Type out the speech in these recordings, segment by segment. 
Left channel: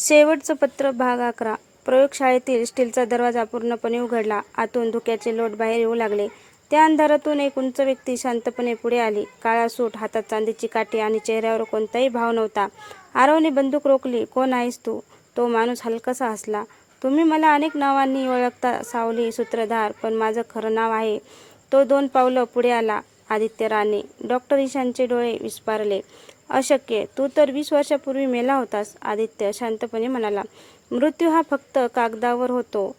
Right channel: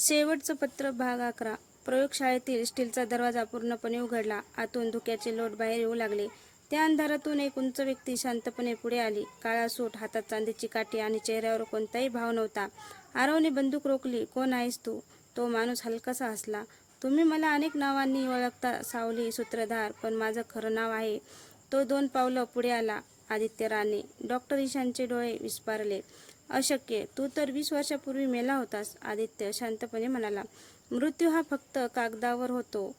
शेवटचं पत्र भाग 11. प्रयोगशाळेतील स्टीलचा दरवाजा पूर्णपणे उघडला. आतून धुक्याचे लोट बाहेर येऊ लागले. त्या अंधारातून एक उंच व्यक्ती शांतपणे पुढे आली. काळा सूट, हातात चांदीची काठी आणि चेहऱ्यावर कोणताही भाव नव्हता. आरवने बंदूक रोखली. "कोण आहेस तू?" तो माणूस हलकासा हसला. "तुम्ही मला अनेक नावांनी ओळखता सावली, सूत्रधार, पण माझं खरं नाव आहे." तो 2 पावलं पुढे आला. "आदित्य राणे." डॉक्टर ईशानचे डोळे विस्फारले. "अशक्य. तू तर 20 वर्षांपूर्वी मेला होतास." आदित्य शांतपणे म्हणाला. "मृत्यू हा फक्त कागदावर होतो."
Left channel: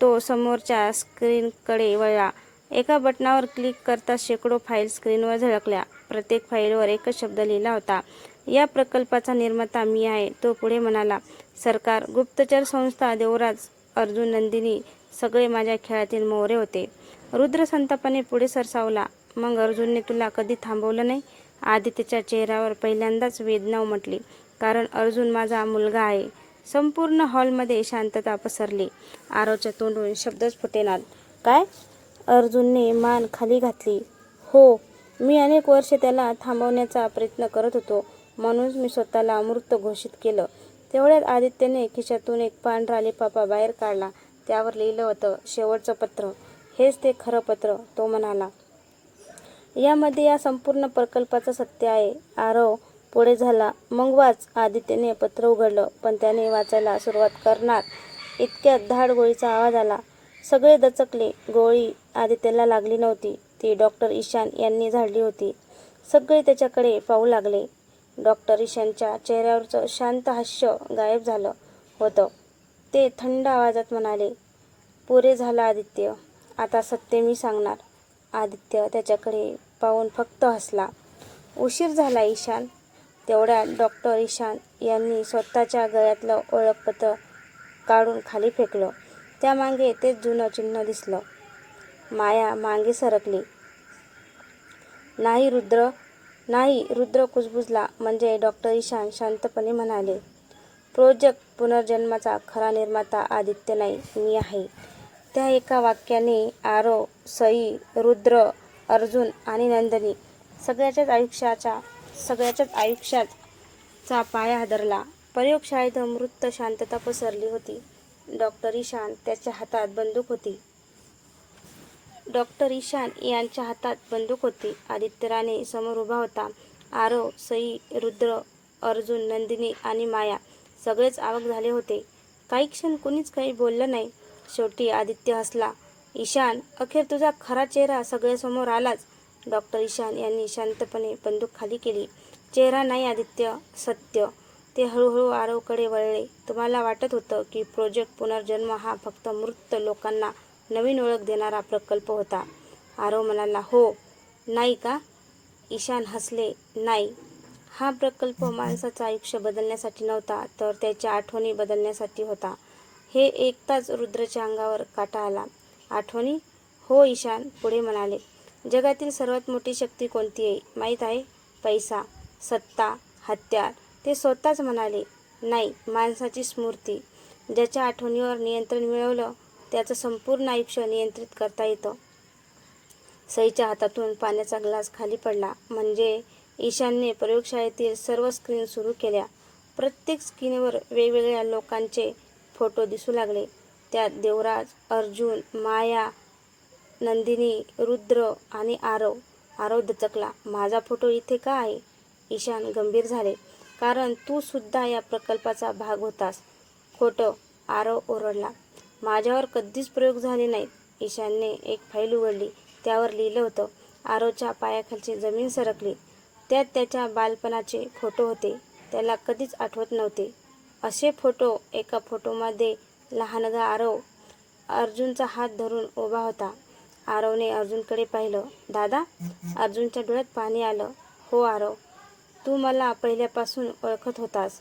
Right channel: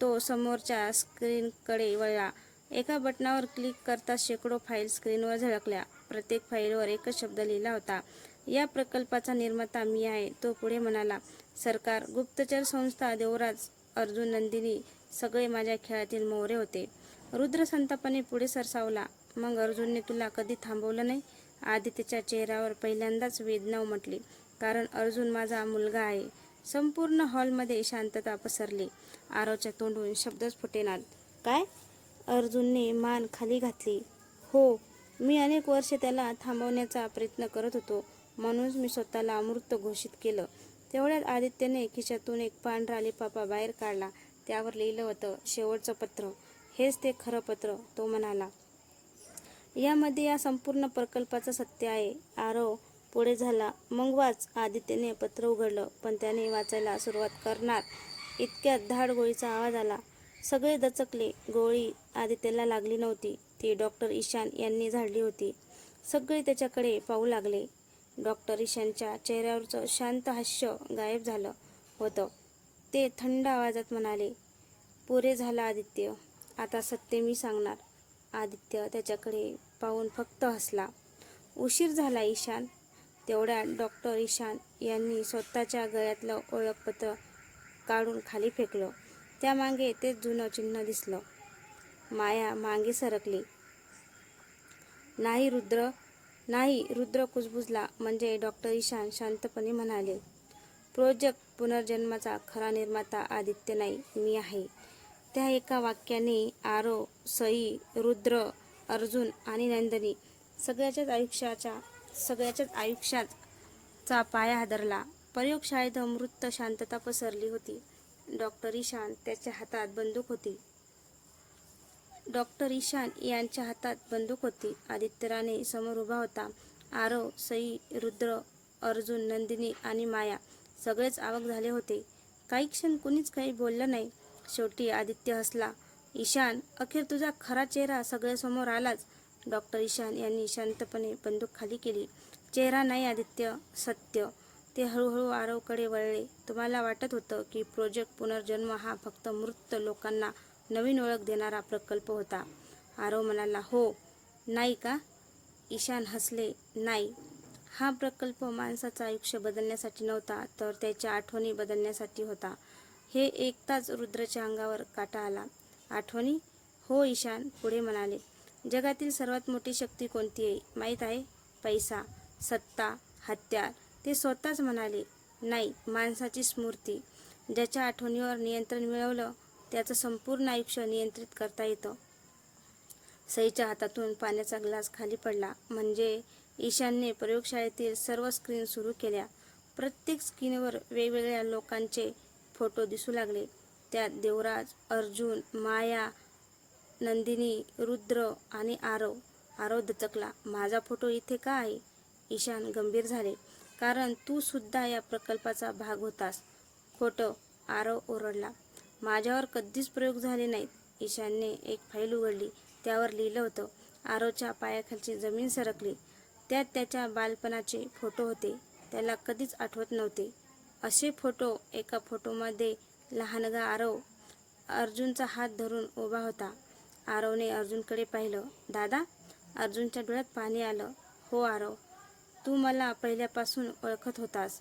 तो समोरच्या स्क्रीनकडे वळला. एका बटणावर क्लिक करताच शेकडो फाईल्स स्क्रीनवर झळकल्या. प्रत्येक फाईलवर एकच शब्द लिहिला होता, "या प्रकल्पाचा निर्माता मी आहे." तो पुढे म्हणाला, "सरकार, गुप्तचर संस्था, देवराज, अर्जुन, नंदिनी, सगळे माझ्या खेळातील मोहरे होते." रुद्र संतापाने पुढे सरसावला. "मग अर्जुनने तुला कधी थांबवलं नाही?" आदित्यच्या चेहऱ्यावर पहिल्यांदाच वेदना उमटली. "कारण अर्जुन माझा मुलगा आहे." संपूर्ण हॉलमध्ये शांतता पसरली. आरवच्या तोंडून शब्दच फुटेनात. "काय?" अर्जुनने मान खाली घातली. "हो, मी अनेक वर्षे त्याला थांबवण्याचा प्रयत्न करत होतो. म्हणूनच मी स्वतःला मृत घोषित केलं." तेवढ्यात आदित्यने खिशातून एक पांढरा लिफाफा बाहेर काढला. त्यावर लिहिलं होतं, "शेवटचं पत्र." "हेच ते खरं पत्र," तो म्हणाला. "यामध्ये या संपूर्ण प्रकल्पाचं सत्य आहे." आरव पुढे झाला. "मग वाच." आदित्यने पत्र उघडलं, पण त्याने वाचायला सुरुवात करणार इतक्यात धाड गोळीचा आवाज आला. सगळे दचकले. गोळी आदित्यला लागली नव्हती. ती डॉक्टर ईशान यांनी झाडली होती. सगळे त्याच्याकडे पाहू लागले. डॉक्टर ईशानच्या चेहऱ्यावरचं शांत हास्य गायब झालं होतं. ते थंड आवाजात म्हणाले, "पुरे झालं आदित्य. आता सत्य मी सांगणार." आदित्य त्याच्याकडे पाहून फक्त हसला. "उशीर झाला ईशान." तेवढ्यात डॉक्टर ईशान यांनी स्वतःच्या गळ्यातलं ओळखपत्र काढून खाली फेकलं. त्यामागे तेच जुनं चिन्ह दिसलं. माया मागे सरकली. "नाही रुद्र, नाही." रुद्र कुजबुजला. "म्हणजे?" डॉक्टर ईशान शांतपणे म्हणाले. "प्रोजेक्ट पुनर्जन्माचा खरा निर्माता आदित्य नाही, मी आहे." त्या एका वाक्याने आरव, सई, रुद्र, अर्जुन आणि नंदिनी सगळ्याच्याच आयुष्याचा पाया हादरला. प्रयोगशाळेत अमृत शांतता पसरली होती. डॉक्टर ईशान त्याच्या हातात बंदूक होती. डॉक्टर ईशान यांच्या हातात बंदूक होती. आदित्य राणे समोर उभा होता. आरव, सई, रुद्र, अर्जुन, नंदिनी आणि माया सगळेच अवाक झाले होते. काही क्षण कुणीच काही बोललं नाही. शेवटी आदित्य हसला. "ईशान, अखेर तुझा खरा चेहरा सगळ्यांसमोर आलाच." डॉक्टर ईशान यांनी शांतपणे बंदूक खाली केली. "चेहरा नाही आदित्य, सत्य." ते हळूहळू आरवकडे वळले. "तुम्हाला वाटत होतं की प्रोजेक्ट पुनर्जन्म हा फक्त मृत लोकांना नवीन ओळख देणारा प्रकल्प होता." आरव म्हणाला. "हो." "नाही का?" ईशान हसले. "नाही. हा प्रकल्प माणसाचं आयुष्य बदलण्यासाठी नव्हता, तर त्याच्या आठवणी बदलण्यासाठी होता." हे ऐकताच रुद्रच्या अंगावर काटा आला. "आठवणी?" "हो." ईशान पुढे म्हणाले. "जगातील सर्वात मोठी शक्ती कोणती आहे माहीत आहे? पैसा, सत्ता, हत्यार." ते स्वतःच म्हणाले. "नाही, माणसाची स्मृती. ज्याच्या आठवणीवर नियंत्रण मिळवलं, त्याचं संपूर्ण आयुष्य नियंत्रित करता येतं." सईच्या हातातून पाण्याचा ग्लास खाली पडला. "म्हणजे?" ईशानने प्रयोगशाळेतील सर्व स्क्रीन सुरू केल्या. प्रत्येक स्क्रीनवर वेगवेगळ्या लोकांचे फोटो दिसू लागले. त्यात देवराज, अर्जुन, माया, नंदिनी, रुद्र आणि आरव. आरव दचकला. "माझा फोटो इथे का आहे?" ईशान गंभीर झाले. "कारण तू सुद्धा या प्रकल्पाचा भाग होतास." "खोटं." आरव ओरडला. "माझ्यावर कधीच प्रयोग झाले नाहीत." ईशानने एक फाईल उघडली. त्यावर लिहिलं होतं. आरवच्या पायाखालची जमीन सरकली. त्यात त्याच्या बालपणाचे फोटो होते. त्याला कधीच आठवत नव्हते असे फोटो. एका फोटोमध्ये लहानगा आरव अर्जुनचा हात धरून उभा होता. आरवने अर्जुनकडे पाहिलं. "दादा?" अर्जुनच्या डोळ्यात पाणी आलं. "हो आरव, तू मला पहिल्यापासून ओळखत होतास,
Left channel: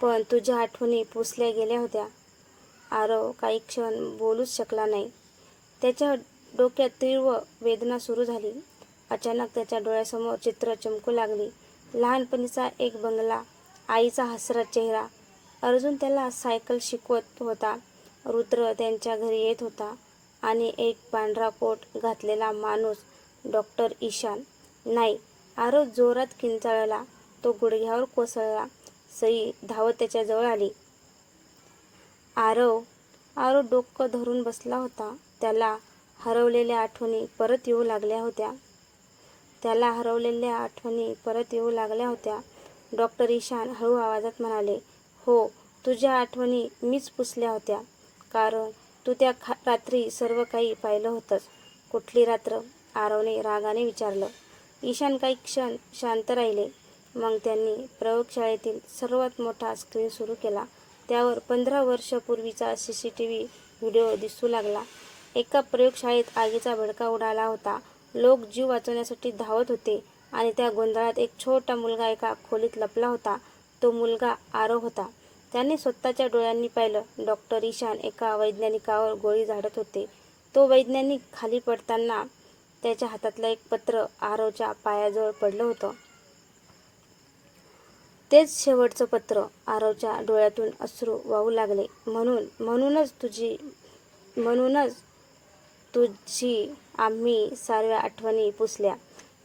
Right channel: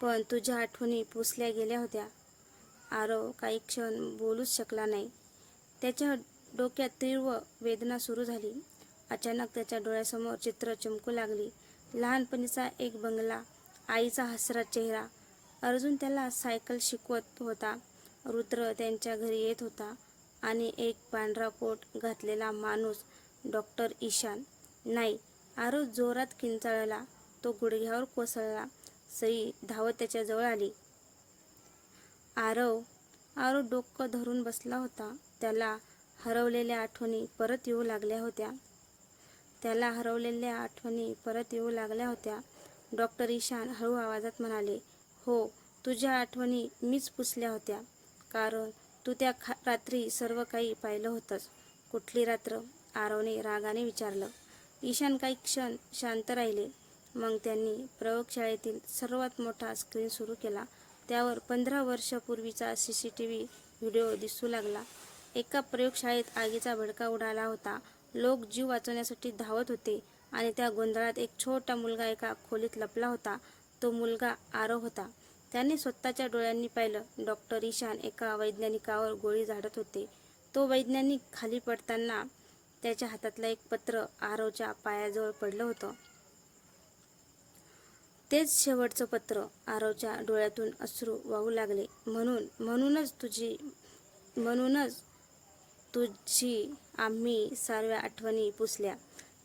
पण तुझ्या आठवणी पुसल्या गेल्या होत्या." आरव काही क्षण बोलूच शकला नाही. त्याच्या डोक्यात तीव्र वेदना सुरू झाली. अचानक त्याच्या डोळ्यासमोर चित्र चमकू लागली. लहानपणीचा एक बंगला, आईचा हसरा चेहरा, अर्जुन त्याला सायकल शिकवत होता, रुद्र त्यांच्या घरी येत होता आणि एक पांढरा कोट घातलेला माणूस, डॉक्टर ईशान. "नाही." आरव जोरात किंचाळला. तो गुडघ्यावर कोसळला. सई धावत त्याच्या जवळ आली. आरव डोकं धरून बसला होता. त्याला हरवलेल्या आठवणी परत येऊ लागल्या होत्या. डॉक्टर ईशान हळू आवाजात म्हणाले, हो, तुझ्या आठवणी मीच पुसल्या होत्या. कारण तू त्या रात्री सर्व काही पाहिलं होतंस. कुठली रात्र? आरवने रागाने विचारलं. ईशान काही क्षण शांत राहिले. मग त्यांनी प्रयोगशाळेतील सर्वात मोठा स्क्रीन सुरू केला. त्यावर 15 वर्षापूर्वीचा CCTV व्हिडिओ दिसू लागला. एका प्रयोगशाळेत आगीचा भडका उडाला होता. लोक जीव वाचवण्यासाठी धावत होते आणि त्या गोंधळात एक छोटा मुलगा एका खोलीत लपला होता. तो मुलगा आरव होता. त्याने स्वतःच्या डोळ्यांनी पाहिलं, डॉक्टर ईशान एका वैज्ञानिकावर गोळी झाडत होते. तो वैज्ञानिक खाली पडताना त्याच्या हातातलं एक पत्र आरवच्या पायाजवळ पडलं होतं. तेच शेवटचं पत्र. आरवच्या डोळ्यातून अश्रू वाहू लागले. म्हणूनच तुझी आम्ही सर्व आठवणी पुसल्या.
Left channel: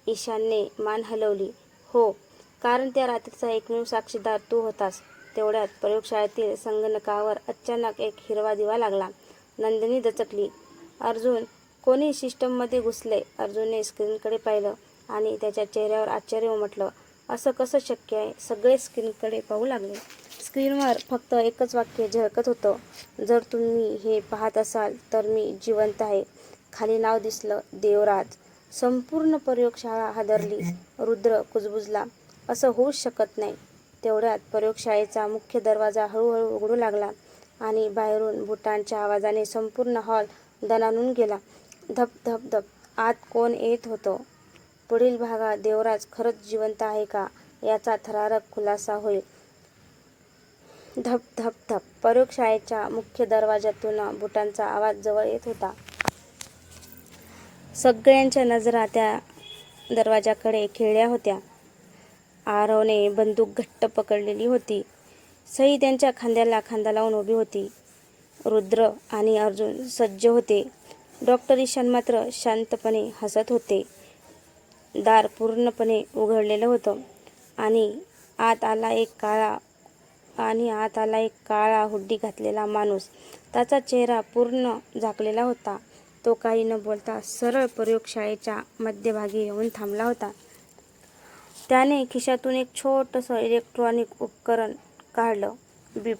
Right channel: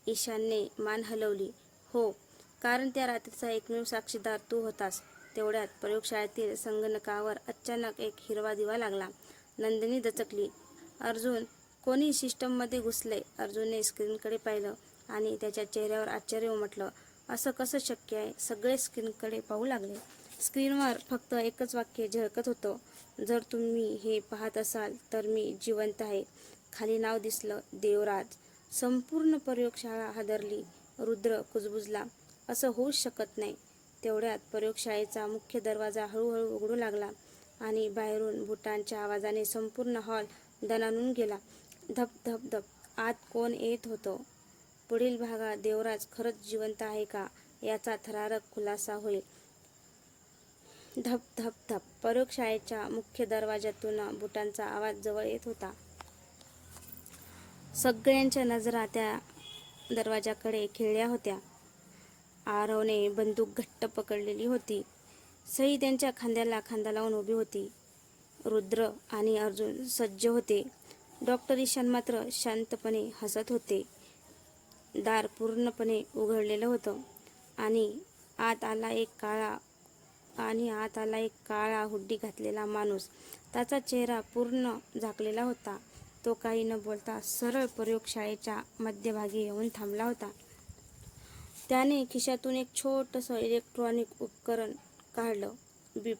ईशानने मान हलवली. हो, कारण त्या रात्रीचा एकमेव साक्षीदार तू होतास. तेवढ्यात प्रयोगशाळेतील संगणकावर अचानक एक हिरवा दिवा लागला. नंदिनी दचकली. अर्जुन, कोणी सिस्टममध्ये घुसले? अर्जुनने स्क्रीनकडे पाहिलं आणि त्याच्या चेहऱ्यावर आश्चर्य उमटलं. असं कसं शक्य आहे? सगळे स्क्रीनकडे पाहू लागले. स्क्रीनवर फक्त एकच वाक्य झळकत होतं. जर तुम्ही हे पाहत असाल तर मी जिवंत आहे. खाली नाव दिसलं, देवराज. संपूर्ण प्रयोगशाळा हादरली. रुद्र कुजबुजला. असं होऊच शकत नाही. तेवढ्यात प्रयोगशाळेचा मुख्य दरवाजा हळूहळू उघडू लागला आणि बाहेरून बुटांच्या आवाजाने संपूर्ण हॉल दणाणून गेला. धप धप धप. आत कोण येत होतं? पुढील भागात देवराज खरंच जिवंत आहे का याचा थरारक खुलासा होईल. धप धप धप. प्रयोगशाळेच्या मुख्य दरवाजातून बुटांचा आवाज जवळ येत होता. सगळ्यांच्या नजरा त्या दरवाजाकडे खिळल्या होत्या. आरवने बंदूक घट्ट पकडलेली होती. सई त्यांच्या खांद्याला खांदा लावून उभी होती. रुद्र आणि अर्जुन सज्ज होते. डॉक्टर ईशान मात्र शांतपणे हसत होते. दार पूर्णपणे उघडलेलं होतं आणि आत आला एक काळा हुड्डी घातलेला माणूस. त्याचा चेहरा पूर्ण झाकलेला होता. तो काही न बोलता सरळ प्रयोगशाळेच्या मध्यभागी येऊन थांबला होता. त्याने खिशातून एक छोटंसं इलेक्ट्रॉनिक उपकरण काढलं. बीप.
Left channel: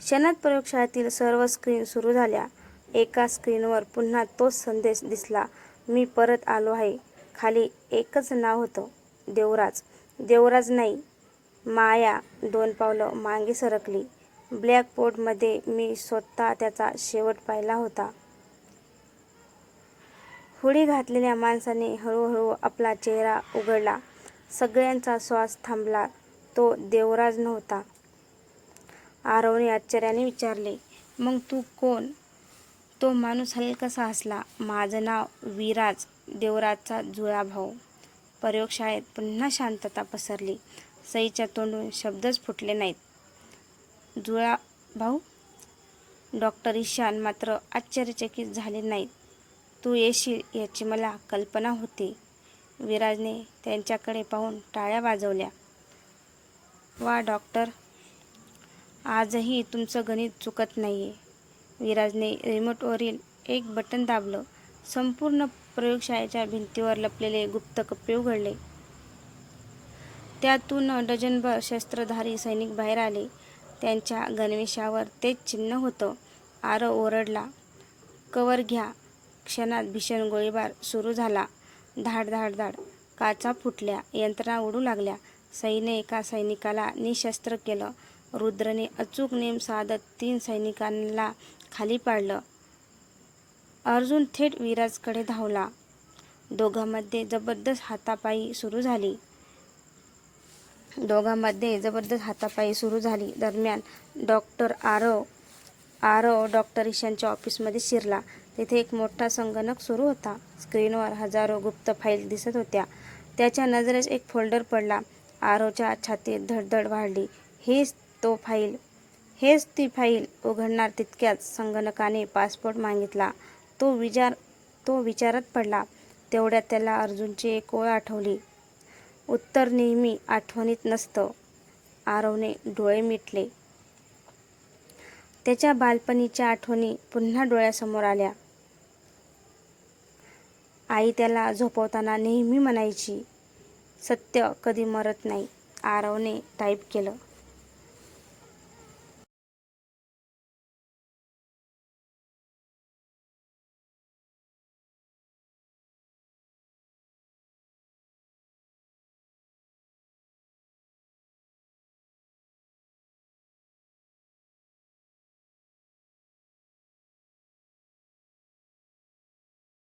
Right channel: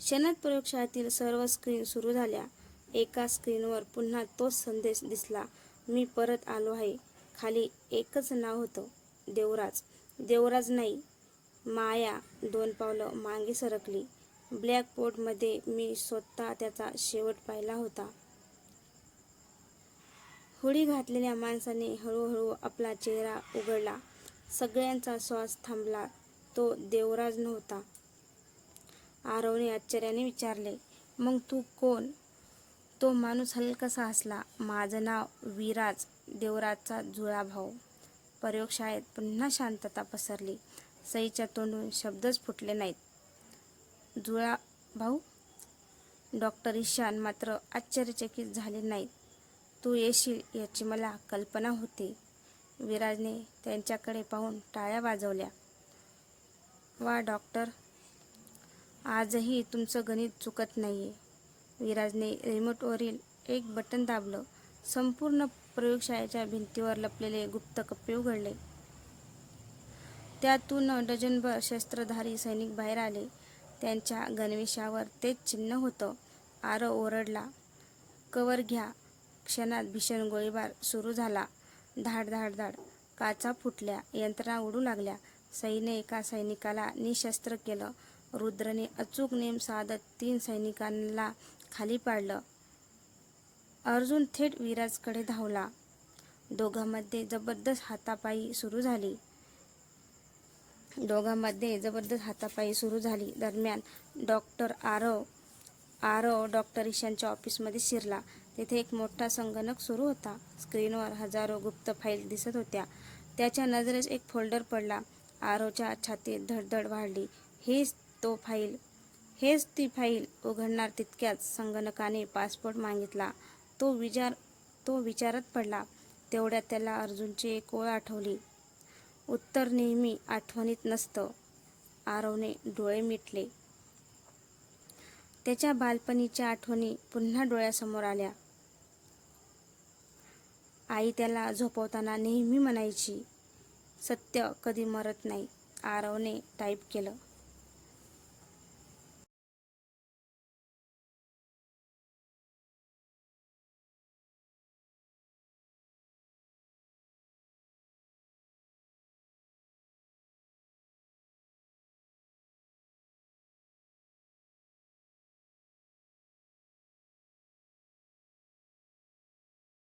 क्षणात प्रयोगशाळेतील सर्व स्क्रीन सुरू झाल्या. एका स्क्रीनवर पुन्हा तोच संदेश दिसला, मी परत आलो आहे. खाली एकच नाव होतं, देवराज. देवराज नाही, माया 2 पावलं मागे सरकली. ब्लॅकबोर्डमध्ये मी स्वतः त्याचा शेवट पाहिला होता. हुडी घातलेल्या माणसाने हळूहळू आपला चेहरा उघडला. सगळ्यांचा श्वास थांबला. तो देवराज नव्हता. आरवने आश्चर्याने विचारले, मग तू कोण? तो माणूस हलकासा हसला. माझं नाव विराज, देवराजचा जुळा भाऊ. प्रयोगशाळेत पुन्हा शांतता पसरली. सईच्या तोंडून शब्दच फुटले नाहीत. जुळा भाऊ? डॉक्टर ईशान मात्र आश्चर्यचकित झाले नाहीत. तू येशील याची मला कल्पना होती. विराजने त्यांच्याकडे पाहून टाळ्या वाजवल्या. वा डॉक्टर, आजही तुमचं गणित चुकत नाहीये. विराजने रिमोटवरील एक बटन दाबलं. संपूर्ण प्रयोगशाळेच्या भिंतीवर लपलेले गुप्त कप्पे उघडले. त्यातून डझनभर शस्त्रधारी सैनिक बाहेर आले. त्यांच्या गणवेशावर तेच चिन्ह होतं. आरव ओरडला, कव्हर घ्या. क्षणात भीषण गोळीबार सुरू झाला. धाड धाड धाड. काचा फुटल्या. यंत्रणा उडू लागल्या. सईने एका सैनिकाला निशस्त्र केलं. रुद्रने अचूक नेम साधत 3 सैनिकांना खाली पाडलं. अर्जुन थेट विराजकडे धावला. दोघांमध्ये जबरदस्त हातापाई सुरू झाली. दरम्यान आरव डॉक्टर ईशानच्या ऑफिसमध्ये शिरला. तिथे एक मोठा संगणक सुरू होता. स्क्रीनवर हजारो गुप्त फाईल दिसत होत्या. त्याच्या नजरेस एक फोल्डर पडला. आरवच्या छातीत धडधड वाढली. हेच ती फाईल. उघडणार तितक्यात संगणकाने पासपोर्ट मागितला. तो विचारात पडला. तेवढ्यात त्याला अर्जुनची एक ओळ आठवली. उत्तर नेहमी आठवणीत नसतं. आरवने डोळे मिटले. त्याच्या बालपणीच्या आठवणी पुन्हा डोळ्यासमोर आल्या. आई त्याला झोपवताना नेहमी म्हणायची, सत्य कधी मरत नाही. आरवने टाईप केलं.